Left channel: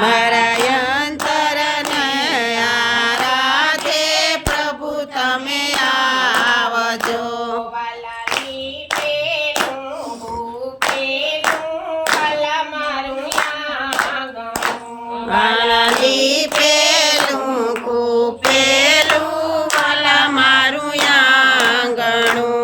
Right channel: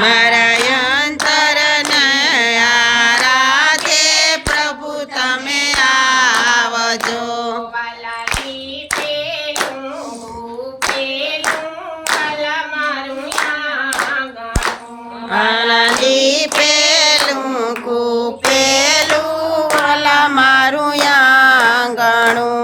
મારા અંતરને આરાધે પ્રભુ તમે આવજો. વાલાલી પેલું કૂપેલું વાલા મારું આંગણું.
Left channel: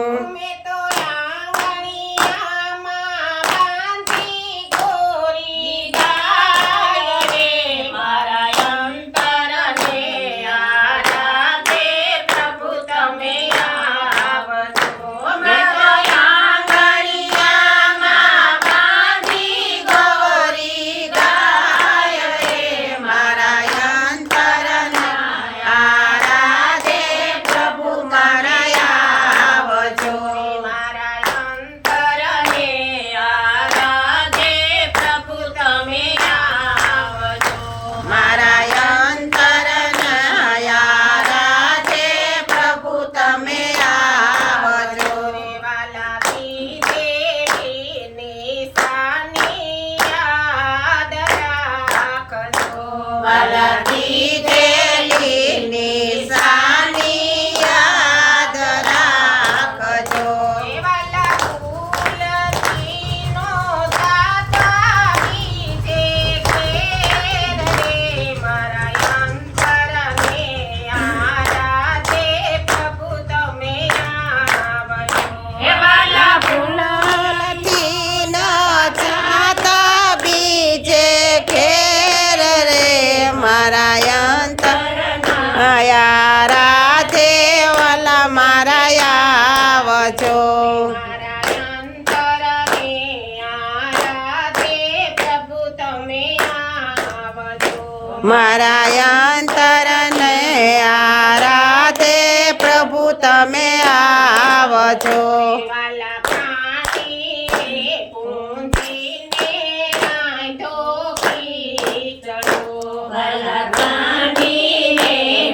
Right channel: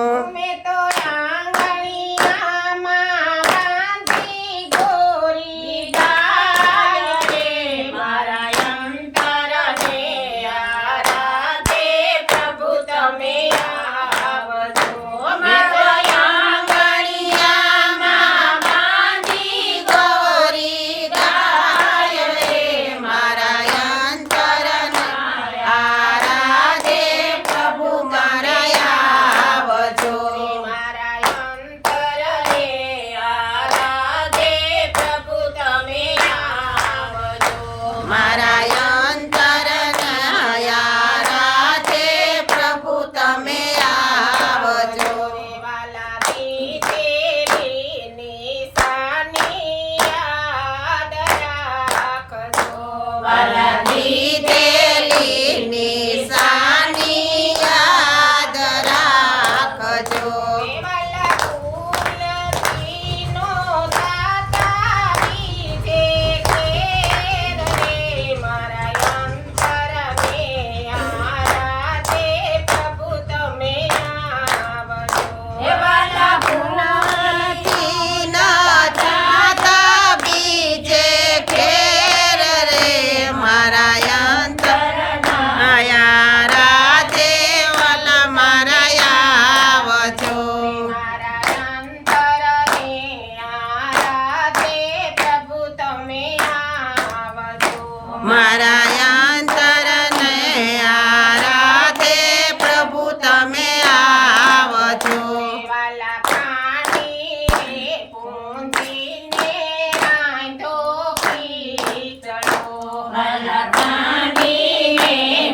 મારા અંતરને આરાધે પ્રભુ તમે આવજો.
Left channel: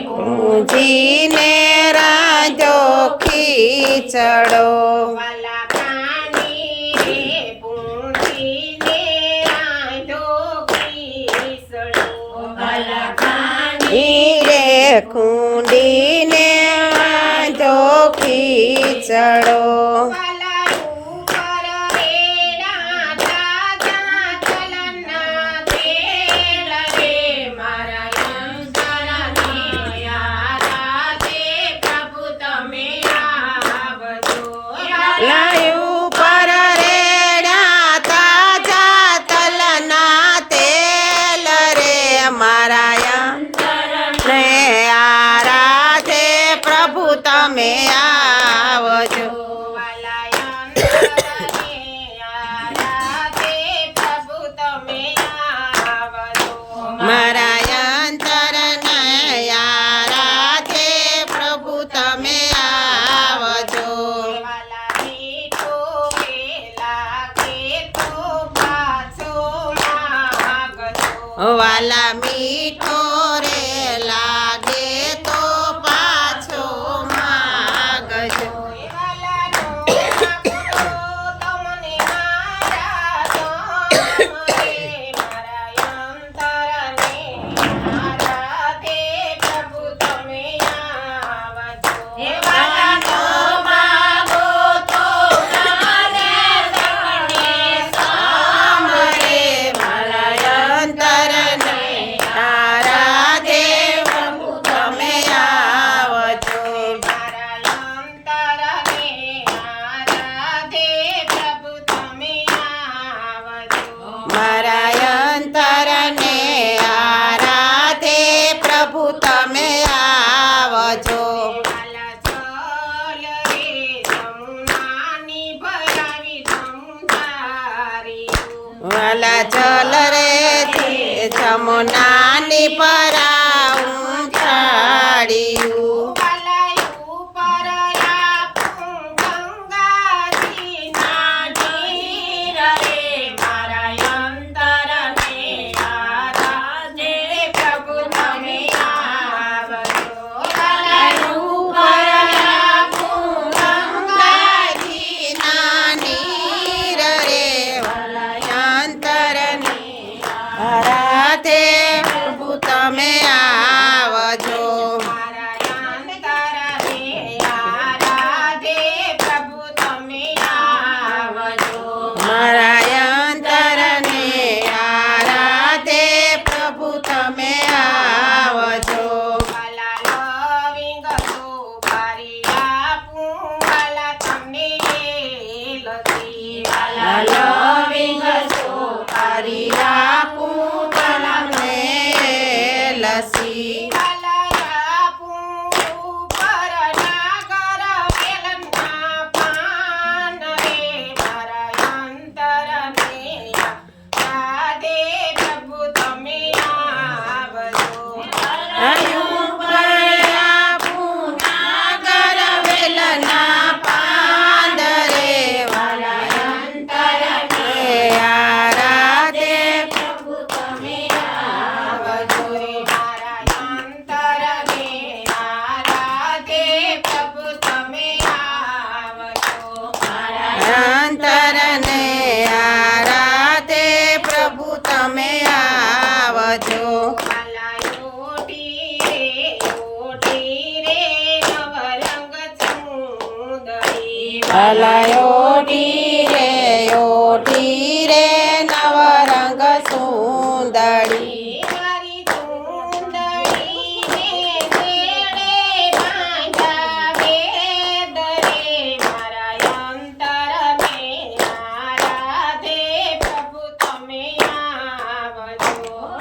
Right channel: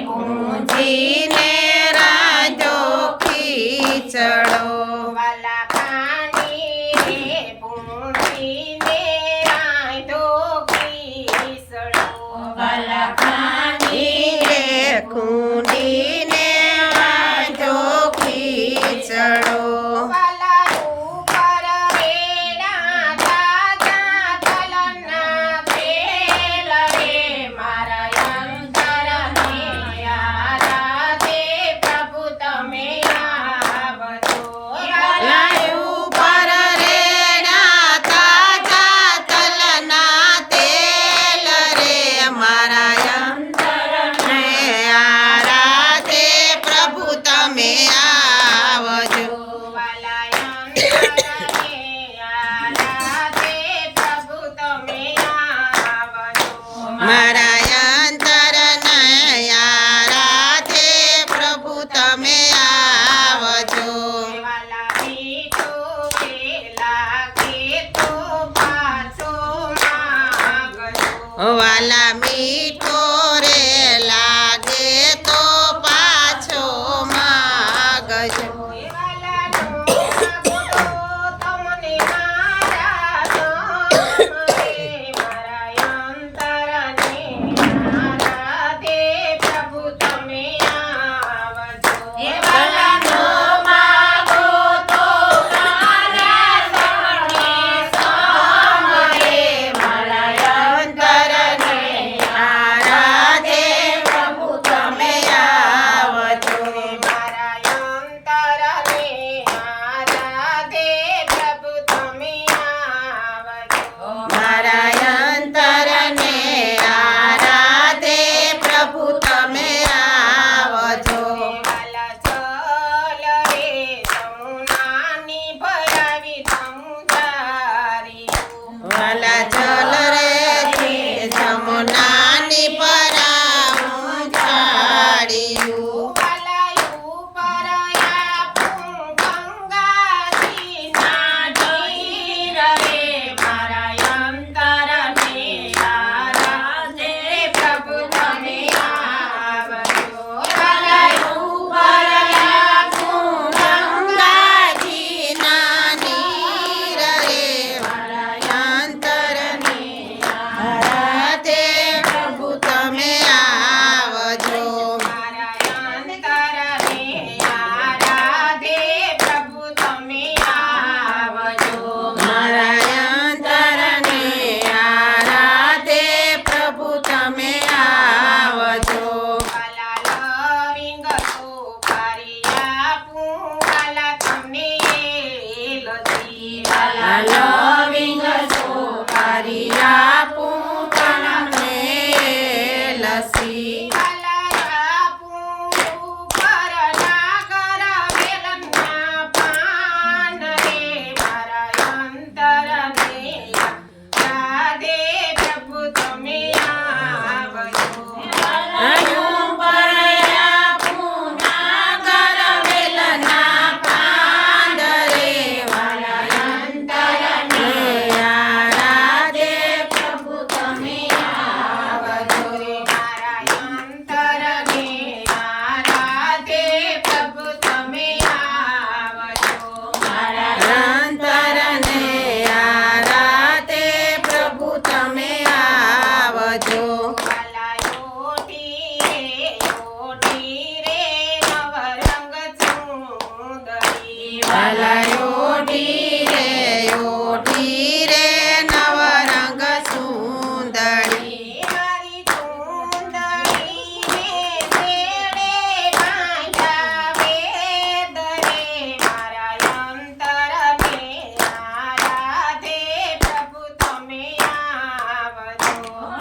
પૂંજીને રાંધો ખીચડો. ચડો વાલા ઉપર એના તાજા તલના તેલ રે મારા અંતરને આરાધે પ્રભુ તમે આવજો લાયું પર રે ના તાજા તલના તેલ રે મારા અંતરને આરાધે પ્રભુ તમે આવજો વાલા અંતરને આરાધે પ્રભુ તમે આવજો મારા અંતરને આરાધે પ્રભુ તમે આવજો વાલા મીઠો એ લાગે તો પાછો માગજો વાલા મીઠો રે લાગે તો પાછો માગજો તમને પ્રભુ તમે આવજો તનો માગો તો મારા અંતરને આરાધે પ્રભુ તમે આવજો મારા અંતરને આરાધે પ્રભુ તમે આવજો મારા અંતરને આરાધે પ્રભુ તમે આવજો વાલા ચલ રે જમુનાની ભરાવી સમજારીયું વાલા ચલ રે જમુનાની પરાઉં છાડ્યું વાલાયું પરયા ગંગાજીના નીર રે મારા અંતરને આરાધે પ્રભુ તમે આવજો વાલાયું ગંગાજીના નીર રે વાલા અંતરને આરાધે પ્રભુ તમે આવજો મારા અંતરને આરાધે પ્રભુ તમે આવજો મારા અંતરને આરાધે પ્રભુ તમે આવજો વાલા લવિંગ સુપારિયા વાલા તમને લજી વાલા લવિંગ સુપારી આપું તમને લસી વાલા આપું ઉપર નાગર વેલના પાન રે મારા અંતરને રાધે પ્રભુ તમે આવજો આયું પર આપું નાગર વેલના પાંદરે વાલા અંતરને આરાધે પ્રભુ તમે આવજો મારા અંતરને આરાધે પ્રભુ તમે આવજો અંતરને આરાધે પ્રભુ તમે આવજો ઓટી રે ઓટી રે નવરંગ સુંદરી ભલાયો ઢીરે ઢીરે નવરંગ સુંદરી મારી સુંદરીને તેડે બાંધા વેદ રે મારા અંતરને આરાધે પ્રભુ તમે આવજો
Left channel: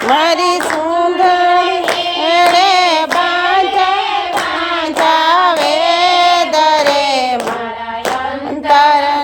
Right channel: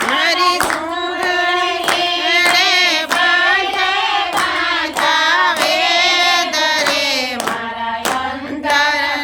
મારી સુંદરી એડે બાંધા વેદ રે મારા અંતર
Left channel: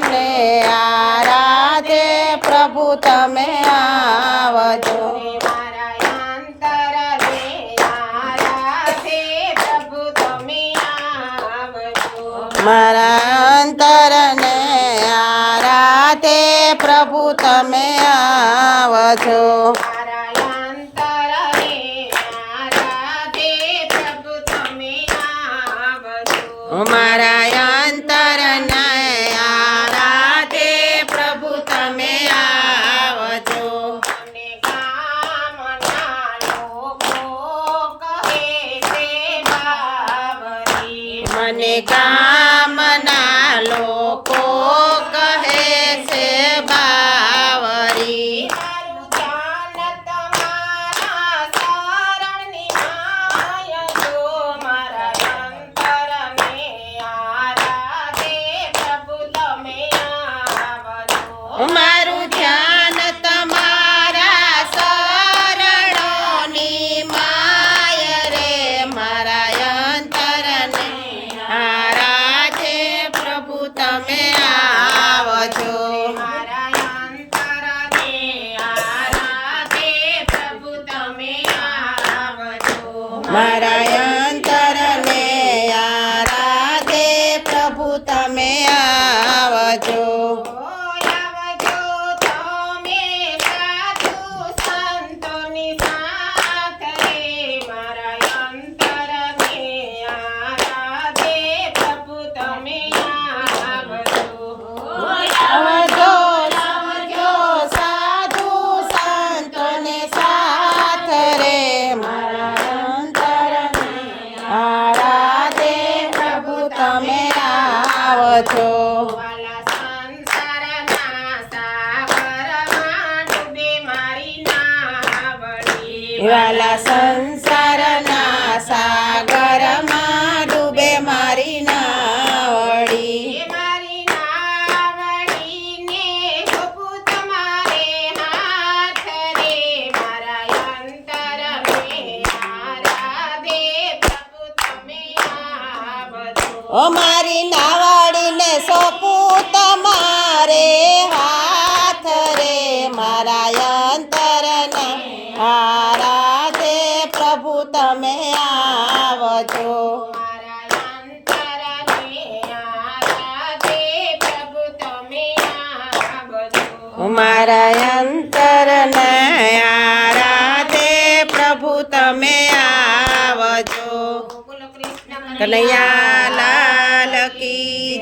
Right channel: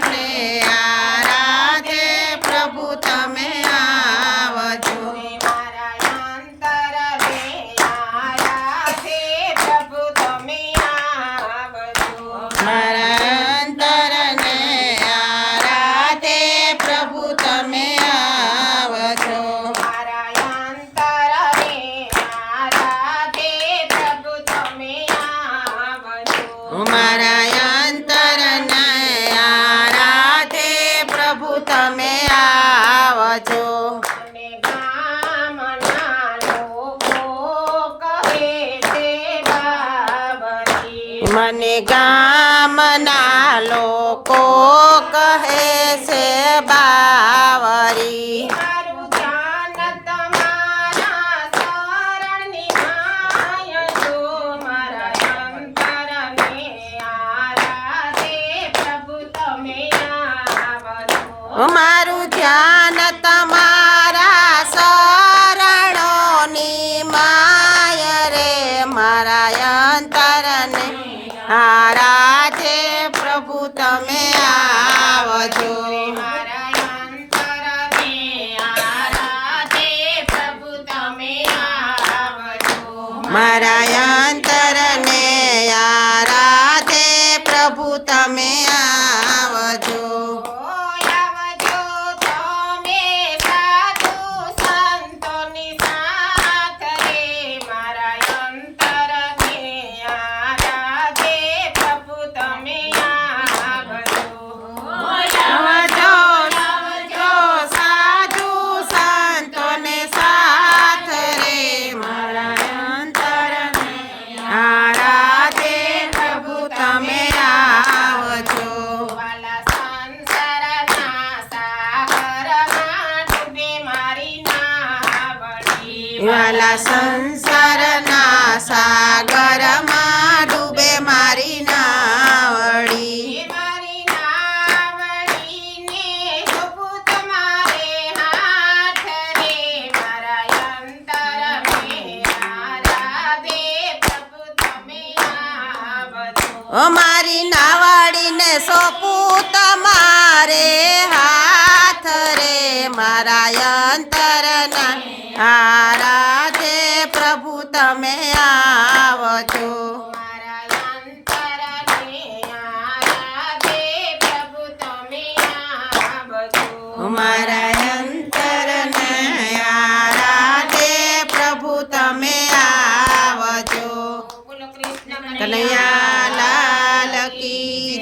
મારું ધ્યાન તમારા શરણોની માય રે મારા અંતરને આરાધે પ્રભુ તમે આવજો મારા અંતરને આરાધે પ્રભુ તમે આવજો મારા અંતરને આરાધે પ્રભુ તમે આવજો આવજો તમે સાધુ સંતોની સાથ રે મારા અંતરને આરાધે પ્રભુ તમે આવજો આવજો જો સાધુ સંતોને સાથ રે મારા અંતરને આરાધે પ્રભુ તમે આવજો વાલા સંસારના સાગરમાં ડૂબે મારી નાવડી વાલા સંસારના સાગરમાં ડૂબે મારી નાવડી મારી નાવડીને સોંપું તમારે હાથ રે મારા અંતરને આરાધે પ્રભુ તમે આવજો ઓ મારી નાવડીને સોંપું તમારે હાથ રે મારા અંતરના આરાધે પ્રભુ તમે આવજો મારા અંતરને આરાધે પ્રભુ તમે આવજો મારા અંતરને આરાધે પ્રભુ તમે આવજો બોલો કૃષ્ણ કનૈયા લાલ કી જય.